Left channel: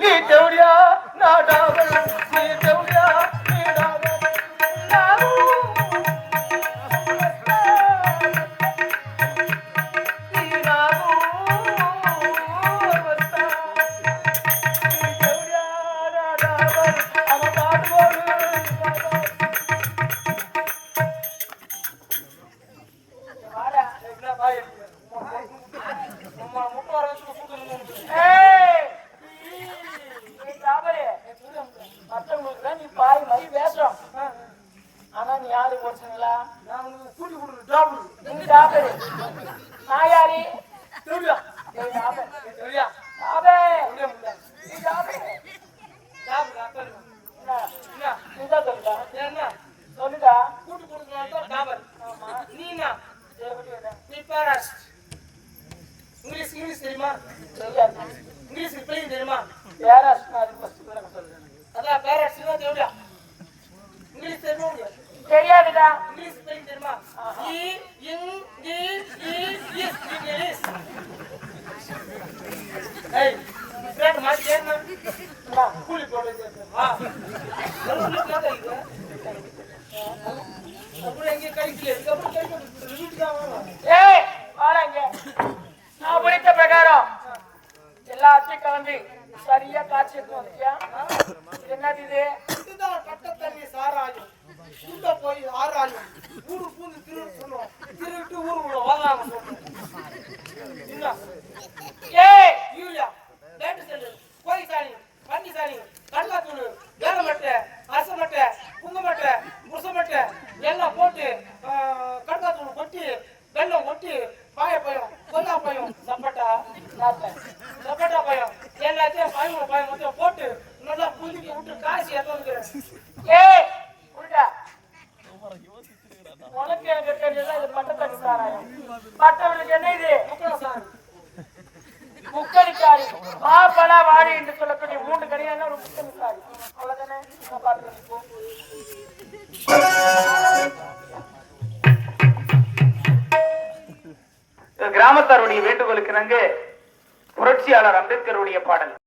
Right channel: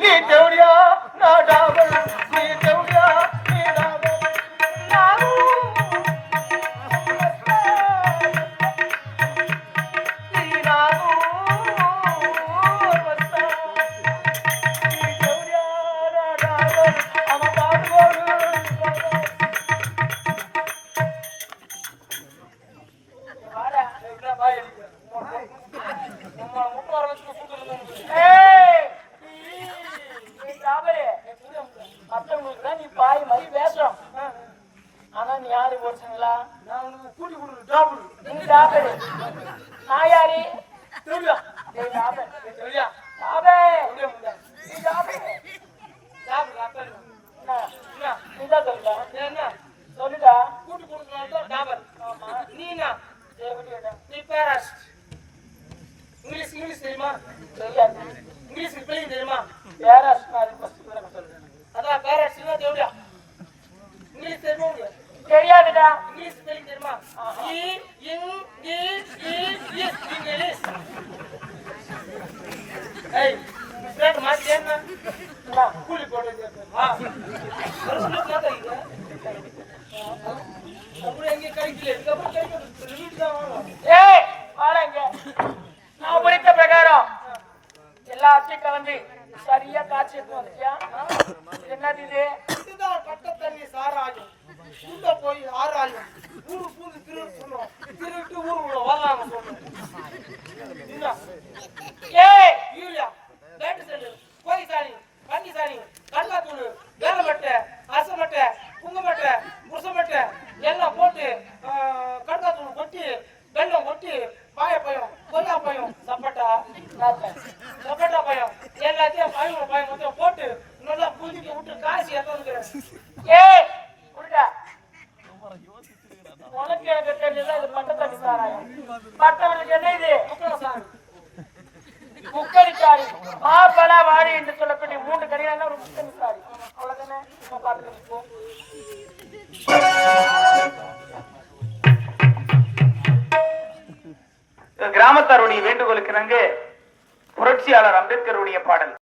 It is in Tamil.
நீ தேவடியா நான் டாபர் நீ தேவடியா நீ டாபர் ஆனா நீ யாரு போச்சுங்களா நான் கூட்டி கொடுத்து டாபர் நீங்க டாபர் நான் யாரு தெரியா டேய் டாபர் தெரியா டாபர் நீ டாபர் டாபர் டாபர் என்ன நீங்க தெரியா என்ன சொல்லுடா கூட்டி கொடுக்கறதா டாபர் ஆமா நீனா நீ பேராஸ் இங்கிலீஷ் தெரியுமா தெரியாது இங்கிலீஷ் ஸ்பெல்லிங் தெரியுமா பேராஸ் நான் ஃபர்ஸ்ட் சொல்றேன் அதான் பேராஸ் தெரியா இங்கிலீஷ் தெரியுமா தெரியாதுடா இங்கிலீஷ் ஸ்பெல்லிங் தெரியுமா இங்கிலீஷ் ஏய் ஃப்ரெண்ட் மாத்தி ஏன்னா நான் கூலி போடுறது வா சொல்லுங்க இது அப்புறம் எங்க கழிக்கல இதுக்கப்புறம் கை வீட்டுக்கு தான் ஏய் வாங்க நான் படித்த பிரகாரம் எல்லாத்தையும் கலந்து சரியா காட்சி எடுத்து வந்துட்டியா என்னது இது இதுதான் கட்ட தண்ணி சாராயம் உள்ள போய் ஆராயும் ஊரு பூந்து திருட்டு ஊரு வாங்க சொல்றேன் ஏய் யூரியா லைட் செல்லு கோழி சாணி பன்னி சாணி கண்ணாத்தூள் வேலமட்டை அரசமட்டை குங்குமட்டை முரசமட்டை எல்லாம் போட்டு கண்ணாத்தூள் கொட்டி வெள்ளம் கொட்டி பாயப்பயம் கொல்லாப்பயம் சப்பட்டா சப்பட்டா பயம் எல்லாத்தையும் பயம் மொத்தம் போட்டு நல்லா புதுக்கி விட்டு காசி எத்தனுக்கிறேன் ஏய் புரியுதா உனக்கு எனக்கு தெரியல இது பட்டத்தண்ணி சாராயம் பட்டவனுக்கு என்ன இது முக்கணசாமி முக்கணிக்காரி பாப்பலா வாடி என்று சொல்லக்கூடிய 3 கடினா ஒரு முக்கணிக்காரி அவ்வளவுதானே பார்த்து கிராமத்தாருடைய வேண்டுகோளுக்கு புரட்சியாளர் அம்பேத்கருடைய பாடல்.